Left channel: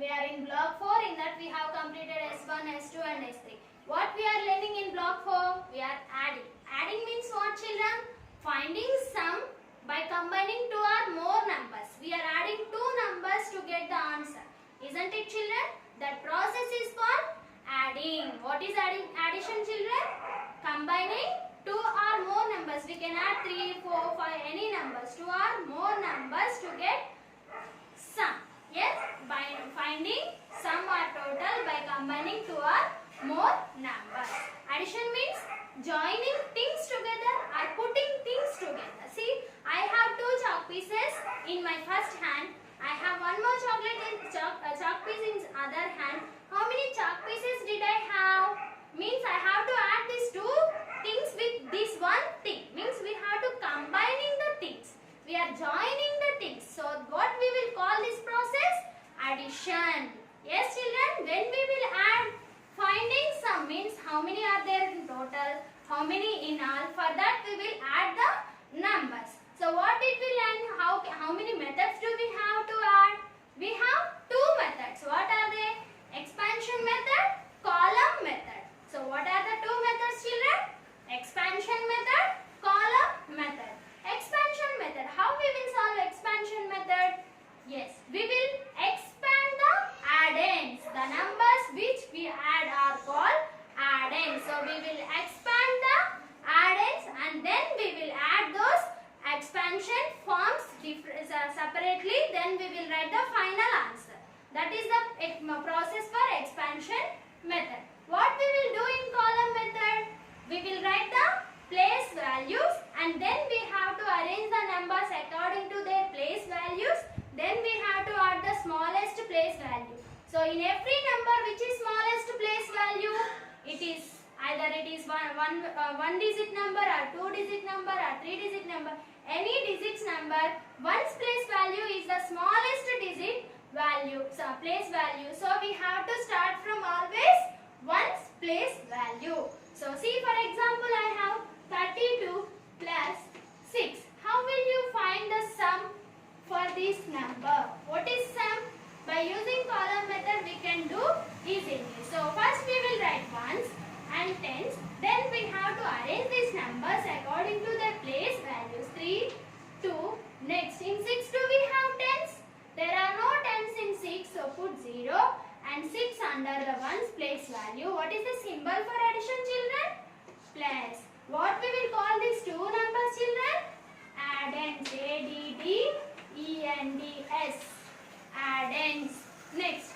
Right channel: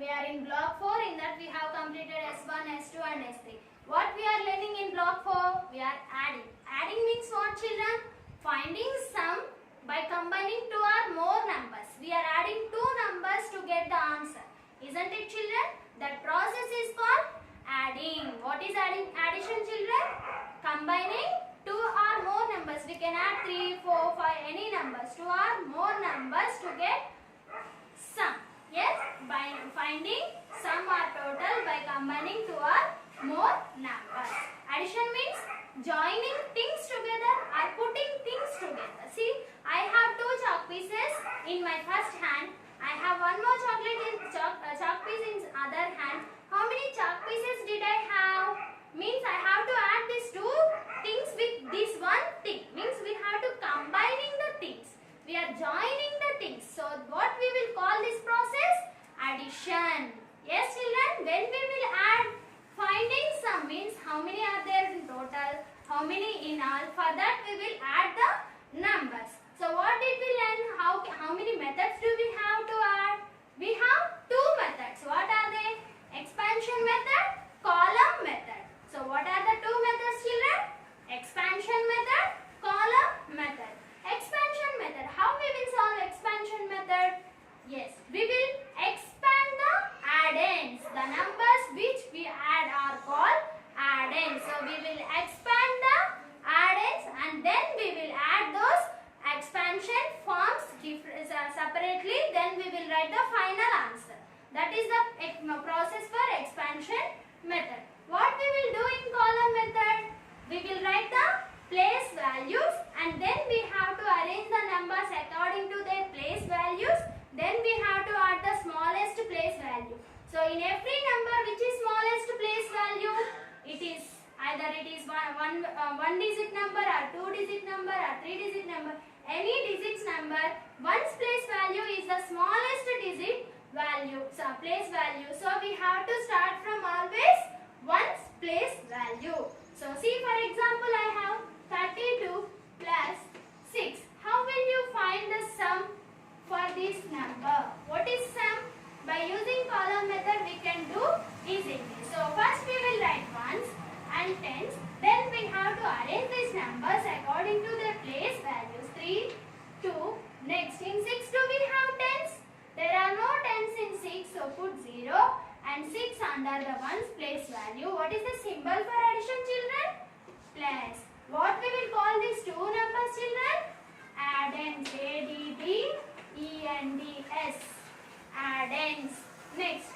We are in block 4. In that we have completed S1, S2 and S3. What we are learning in block 4? We are adding. Adding means what, children? Finding sum by combining two or more numbers. We are adding two numbers to get the answer. Isn't it, children? That process is called adding. What is adding? Addition, children? Combining two or more numbers. We can add 3, 4, 5, any numbers. Two or more numbers to get sum. Yes, by finding sum or total by combining two or more numbers. Addition means joining things together or putting things together. See, I have two chalk pieces in my first hand. I have one more chalk piece in other hand. How many chalk pieces did I have? Means I have to add these two things with this one thing. Means we have to combining the things. We are joining the things. So what we will call this process? Addition. Yes, children, when we will add, finding sum means how many are there in total, how many in all. For that we will add the numbers. So what did we learn? How many methods do we have to add? We have two methods. What are they? Expansion method, column method. So what are the two methods, children? Expansion method, column method. Expansion method. How we will solve expansion method? Yes, we will expand the addends. The numbers which we add are called addends. So we will expand the addends and then we will add those expansion forms separately. Then we will write the final answer. That is the process for expansion method. What we will do in column method? We will write the place values and then we have to arrange the numbers according to their place values. Then we have to add the smallest place value. So in every number, which is smallest place value? It is either one digit number or two digit number or three digit number. Any digits number, one's place value is the smallest digit value. So place value. So we have to start from always one's place value. So see, for example, I have 32 plus 6. How will you find the sum for this number? What is sum? By using column method we can do easily. So first we will write ones and tens. Then we have to arrange these numbers according to their place values. 3, 2. Next, in 6 do we have tens? There are no tens in 6. So put 0 and 6 under the ones place value. What is the symbol for addition, children? Plus. What we will call these two numbers, children? Addends. A-D-D-E-N-D-S. Addends. Next,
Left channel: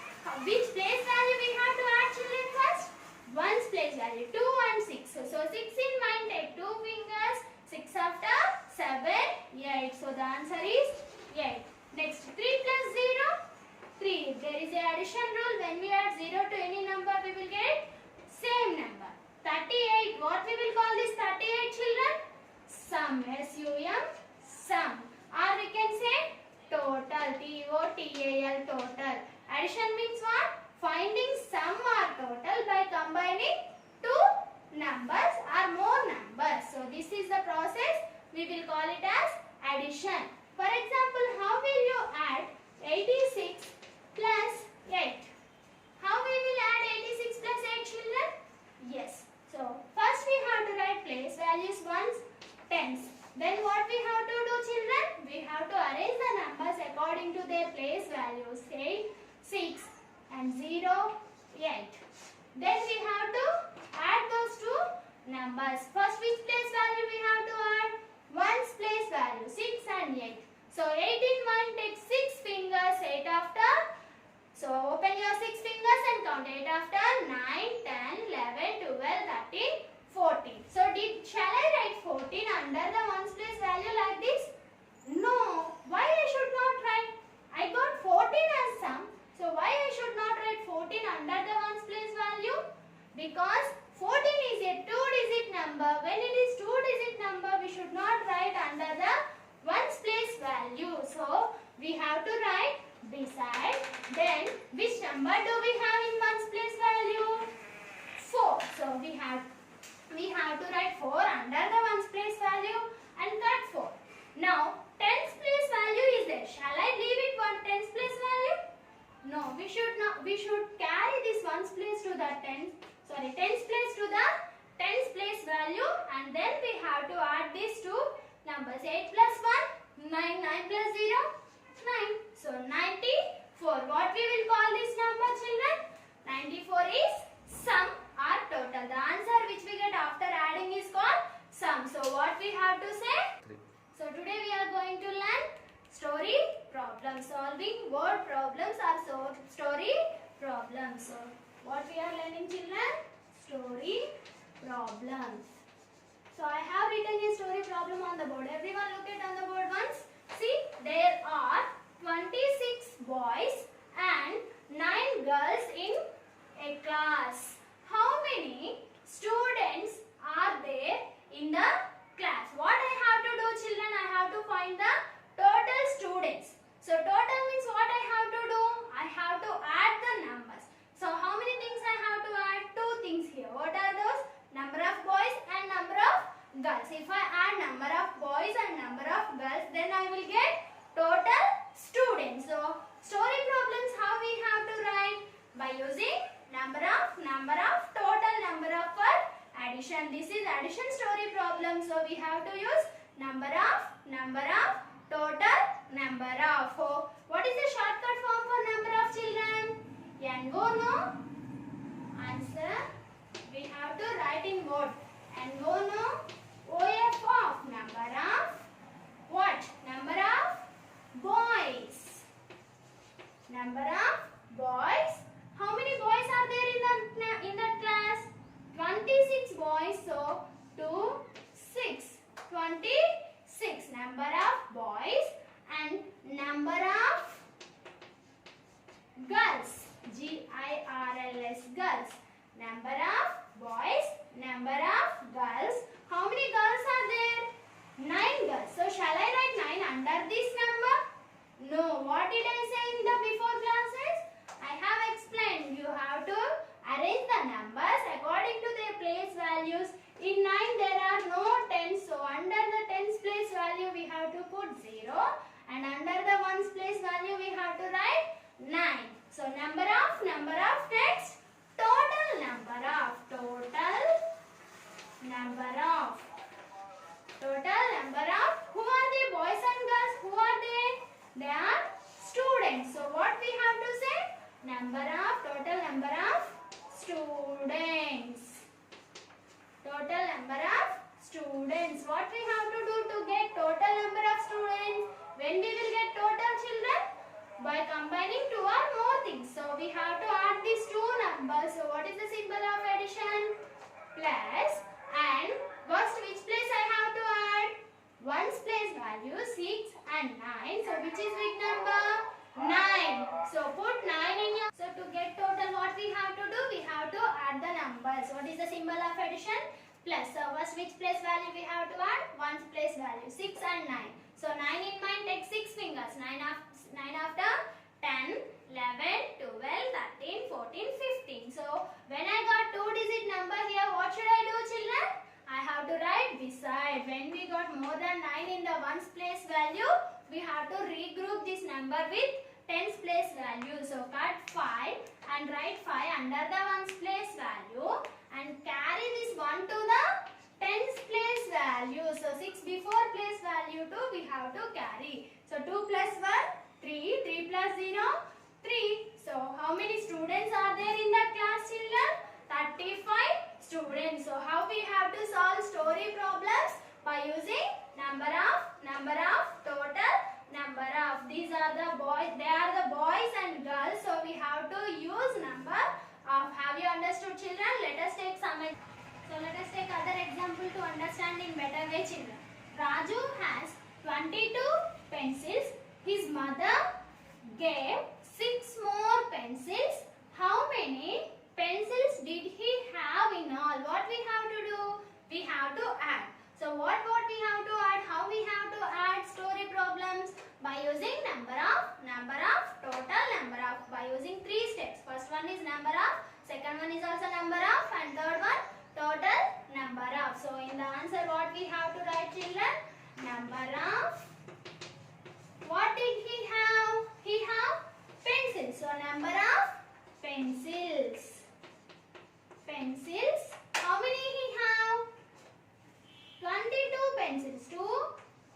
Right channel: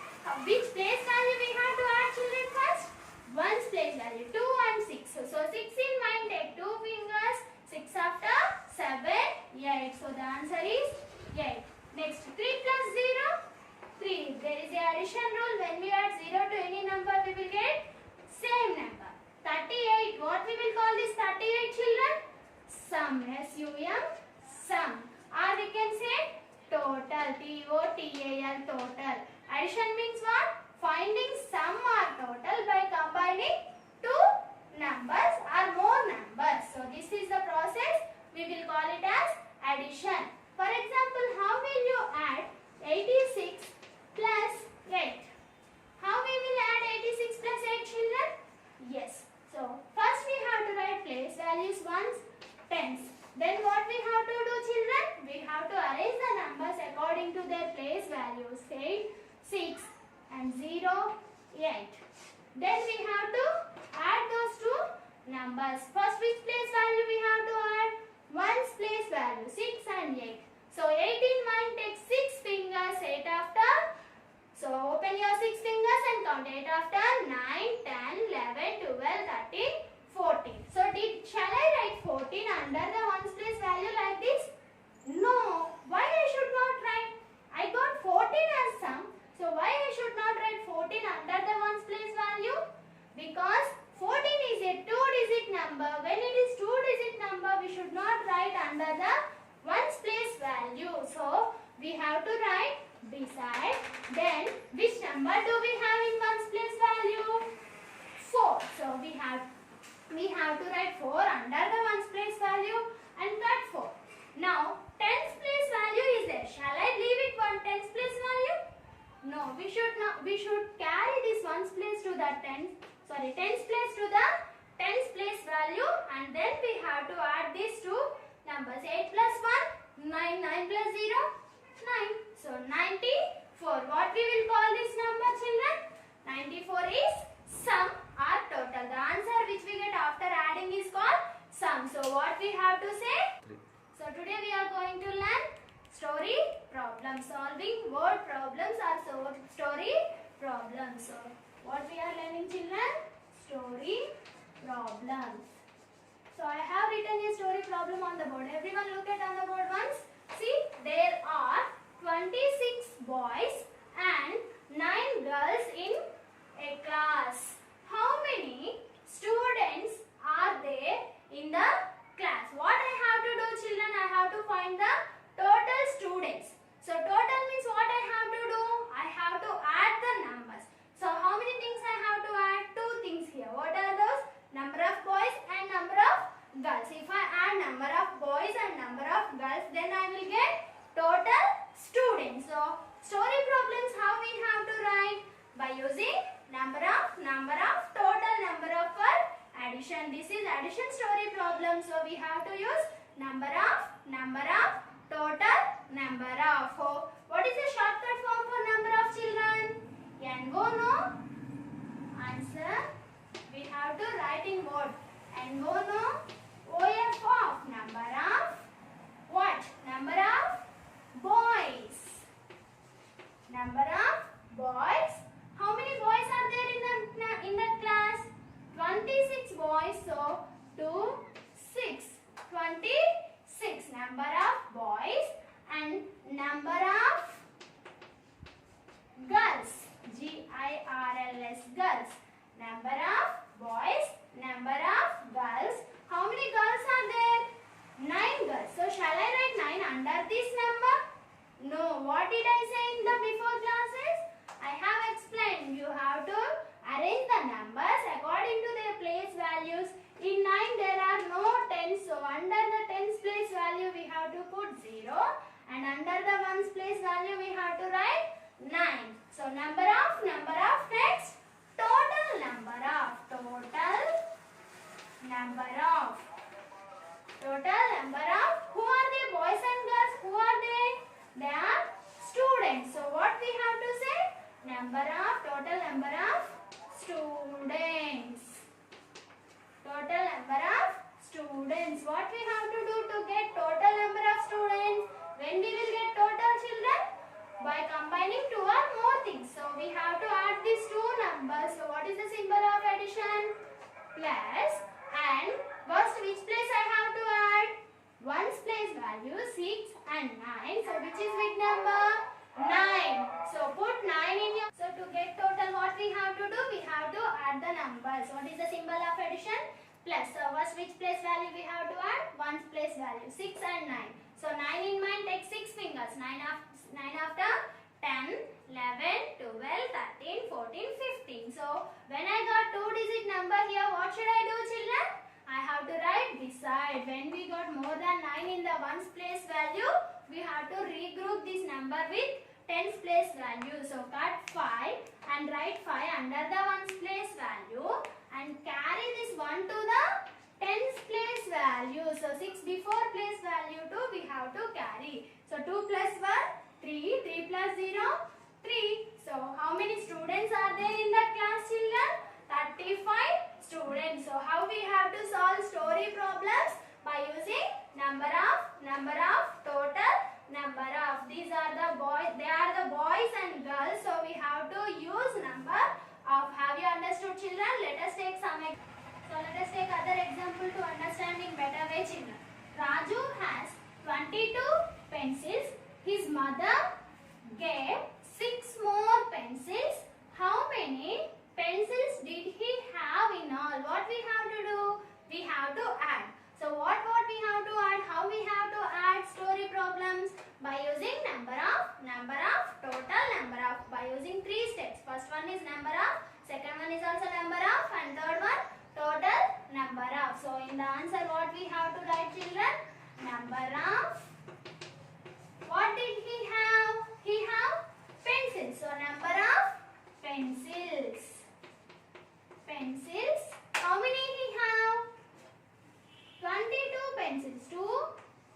which place value we have to add, children, first? One's place value. 2 and 6. So 6 in mind, take 2 fingers. 6 after 7, 8. So the answer is 8. Next, 3 plus 0, 3. There is a addition rule. When we add 0 to any number, we will get same number. 38. What we will call this 38, children? Sum. S-U-M. Sum. Or we can say total. T-O-T-A-L. Total. Addition means what? Finding sum or total by combining two numbers or more numbers. So this is the process. We will call it as addition. For example, how will you add 86 plus 8? How we will add 86 plus 8, children? Yes. So first we have to write place values, ones, tens. Then what we have to do, children? We have to arrange the numbers according to their place values. 8, 6 and 0, 8. Then we have to add those two numbers. First, which place value we have to add? One's place value, 6 and 8. So 8 in mind, take 6 fingers, 8 after. So open your 6 fingers and count 8 after. 9, 10, 11, 12, 13, 14. So shall I write 14 under the one's place value like this? No. Why I should not write? I got 14 as sum. So why I should not write 14 under the one's place value? Because 14 is a 2-digit number. When it is 2-digit number, we should not write under the one's place value. So we have to write beside. Then which number do we have in one's place value? 4. So we have to write 4 under the one's place value and cut 4. Now tens place value is there. Shall I leave it one tens place value? No, we should numbers. 8 plus 1, 9. 9 plus 0, 9. So 94. What we will call this number, children? 94 is sum or total. The answer which we get after adding is called sum. So what we have to say? 3. So today we are going to learn story problem solving. Word problems or story problems. So what we are learning, children? Story problems. So I have written a story problem on the board. Everyone look at on the board once. See, there are 26 boys and 9 girls in a class. How many students are there in the class? What I have to do, children? I have to find the total students. So total means what I have to do? I have to add the numbers. So how many things I have to add? 2 things here. What are those? Number of boys and number of girls. If I add number of boys and number of girls, then I will get total students. So story problems, how we have to write? By using number of, total number of for addition. This is addition story problem. So we have to use number of, total number of. Oh, what is the shortcut form for number of, children? N-go, no? Answer. We have to write in word. N-go, no? O-F of number of what? Number of boys. Number of boys. How many boys are there in the class? 26 boys. So 2, 6. 26. Number of boys and number of girls. G-I-R-L-S. Girls. Number of boys. Number of girls. How many girls are there? 9 girls. So shall I write 9 under this number? No. What did I say in the before classes? I have explained. You have to arrange the numbers according to their place values. In 9 there are no tens. So under the tens place value we have to put 0. And under the ones place value we have to write 9. So number of next. Total number of. Who are they? Boys and girls. Who are they? They are students. So what we have to say? Total number of students. Total number of students. What we have to do to get total number of students? When we will get total, children? By combining 2 or more things. So we have to add these 2 numbers. So what is the symbol of addition? Plus and first which place I have to add? Ones place value 6 and 9. So which is big number? 9. So put 9 in your. So to get total what we have to do? We have to add the numbers. What is the symbol of addition? Plus. So first which place value we have to add? Ones place value 6 and 9. So 9 in mind, take 6 fingers. 9 after 10, 11, 12, 13, 14, 15. So when I got 2-digit number here, what should I do, children? I have to write beside. When we got more than 9 in the ones place value, we have to regroup this number with tens place value. So cut 5 and write 5 under the ones place value and carry this 1 to the tens place value. So 6 before place value 2 we have to carry. So 2 plus 1, 3. 3 plus 0, 3. So how many students are there in the class, children? 35 students. So how we have to solve story problems? By using number of, total number of. These are the boys. They are the boys and girls. So we have to use number of. Have you understood, children? Let us take some. So let us take other example to understand in better way, children. Raju has 22 pencils. His mother gave 6 more pencils. How many pencils did he have in all? What we have to do? We have to add. So what we have to add? How we have to add story problems? By using number of, total number of. By using 3 steps. First one is number of, second one is also number of, and third one total number of. So in the answer what we have to write, children? Number of. What did he have? He have pencils. So number of pencils. How many he have? 22 pencils. 2,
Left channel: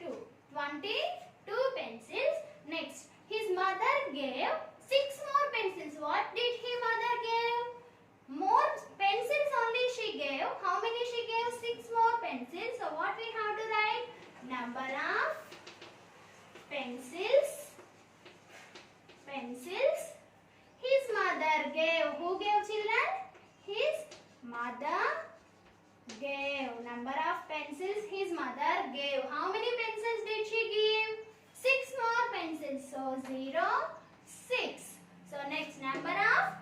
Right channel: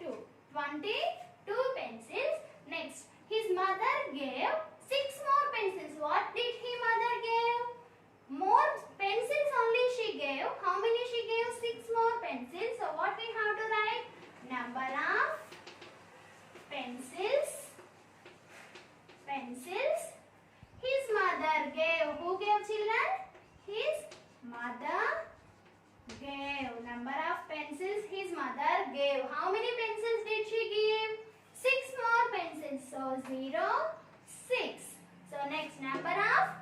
how many pencils did she give? 6 more pencils. So 0, 6. So next number of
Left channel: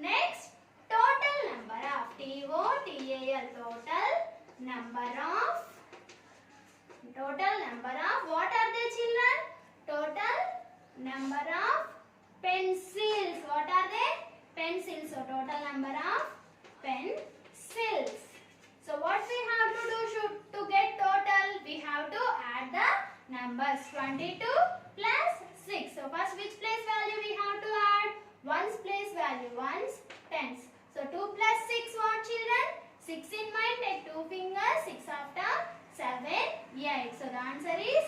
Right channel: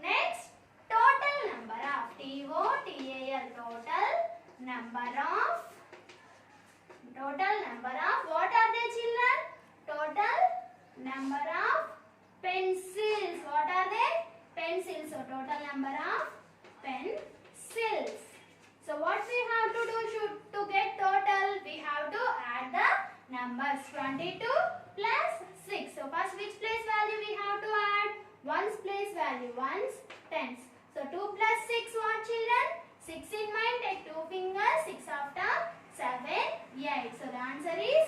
next total number of TOTAL total number of what are they children? Total number of pencils. What are they? Pencils. So total number of pencils. So what we have to do to get total? We have to add the numbers. 22 plus 6. So first which place value we have to add? Ones place value. Ones, tens. So 2 plus 6 what children? 6 in mind. Take 2 fingers. 6 after 7, 8. So the answer is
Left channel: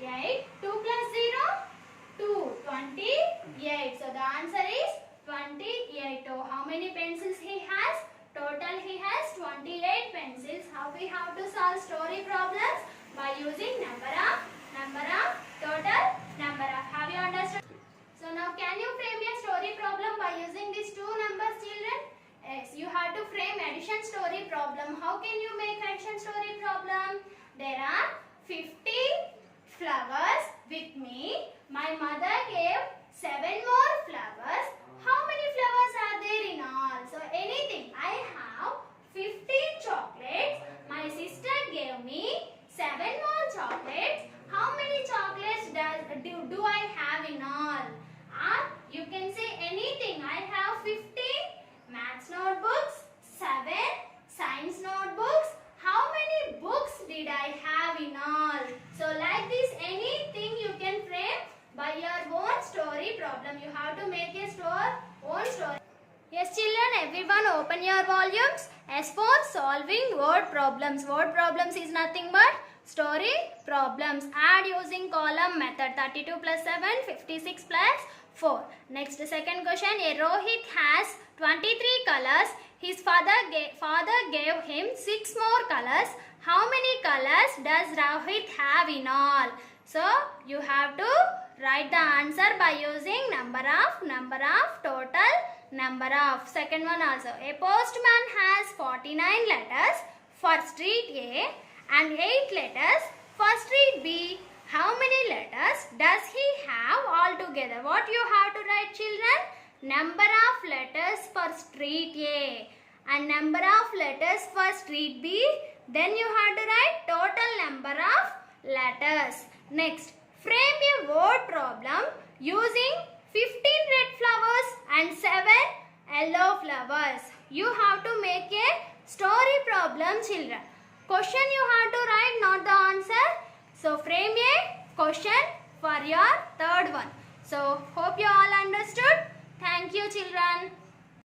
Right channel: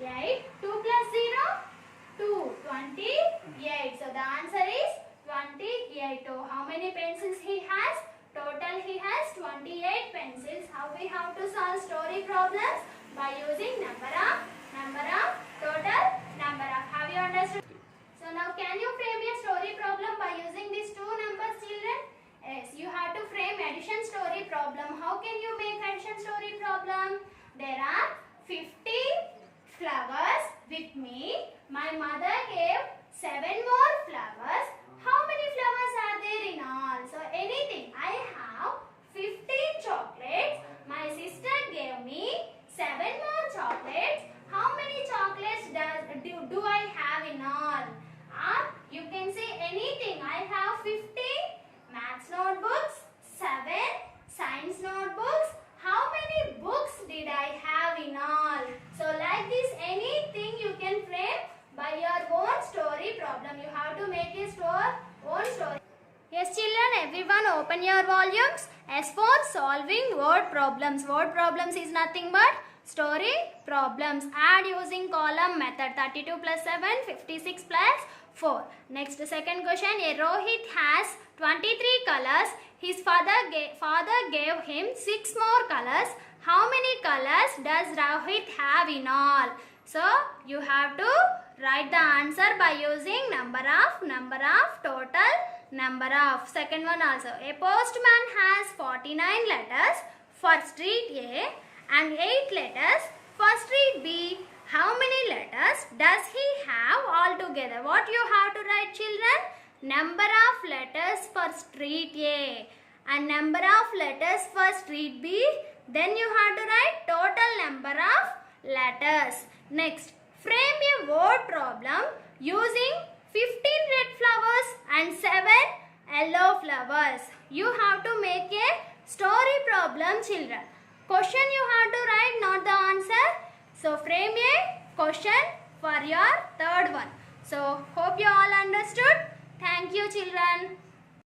8. 2 plus 0? 2. 28. So the answer is 28. Oh, how many pencils he has? Total he has 28 pencils. How we have to solve story problems? By using number of, total number of. Have you understood? So now can you frame a story problem by using these two numbers children? Yes, you have to frame addition story problem. How can you make addition story problem? There are 50 flowers with me. My mother gave 7 more flowers. How many flowers are there in all? So anything. I have 50 chocolates. My sister gave me 7 more chocolates. How many chocolates do I have in all? Or you can say anything. I have 50 maths notebooks, 7 science notebooks. How many books did I have in all? So like this, anything you can frame by your own story problem. You have to make a own story. Yes children, everyone open your volumes. As for solving word problems. Word problems is nothing but story problems. Add using column method. 32 plus 7, 56 plus 4. Next second question. A Rohit has 23 colors. His father gave him 6 more colors. How many colors does Rohit have in all? So you have to write the answer by using number of, total number of. Second one also. A postman has 49 letters for street A and 8 letters for street B. How many letters does he have altogether? What you have to write children? Number of letters for street A and number of letters for street B. Then you have to write total number of letters. Next, frame a word problem using 15 red flowers and 7 yellow flowers. You have to make a story problem children. Question you have to write, not the answer. So frame a question for your third one. So hope you all understood. Thank you children.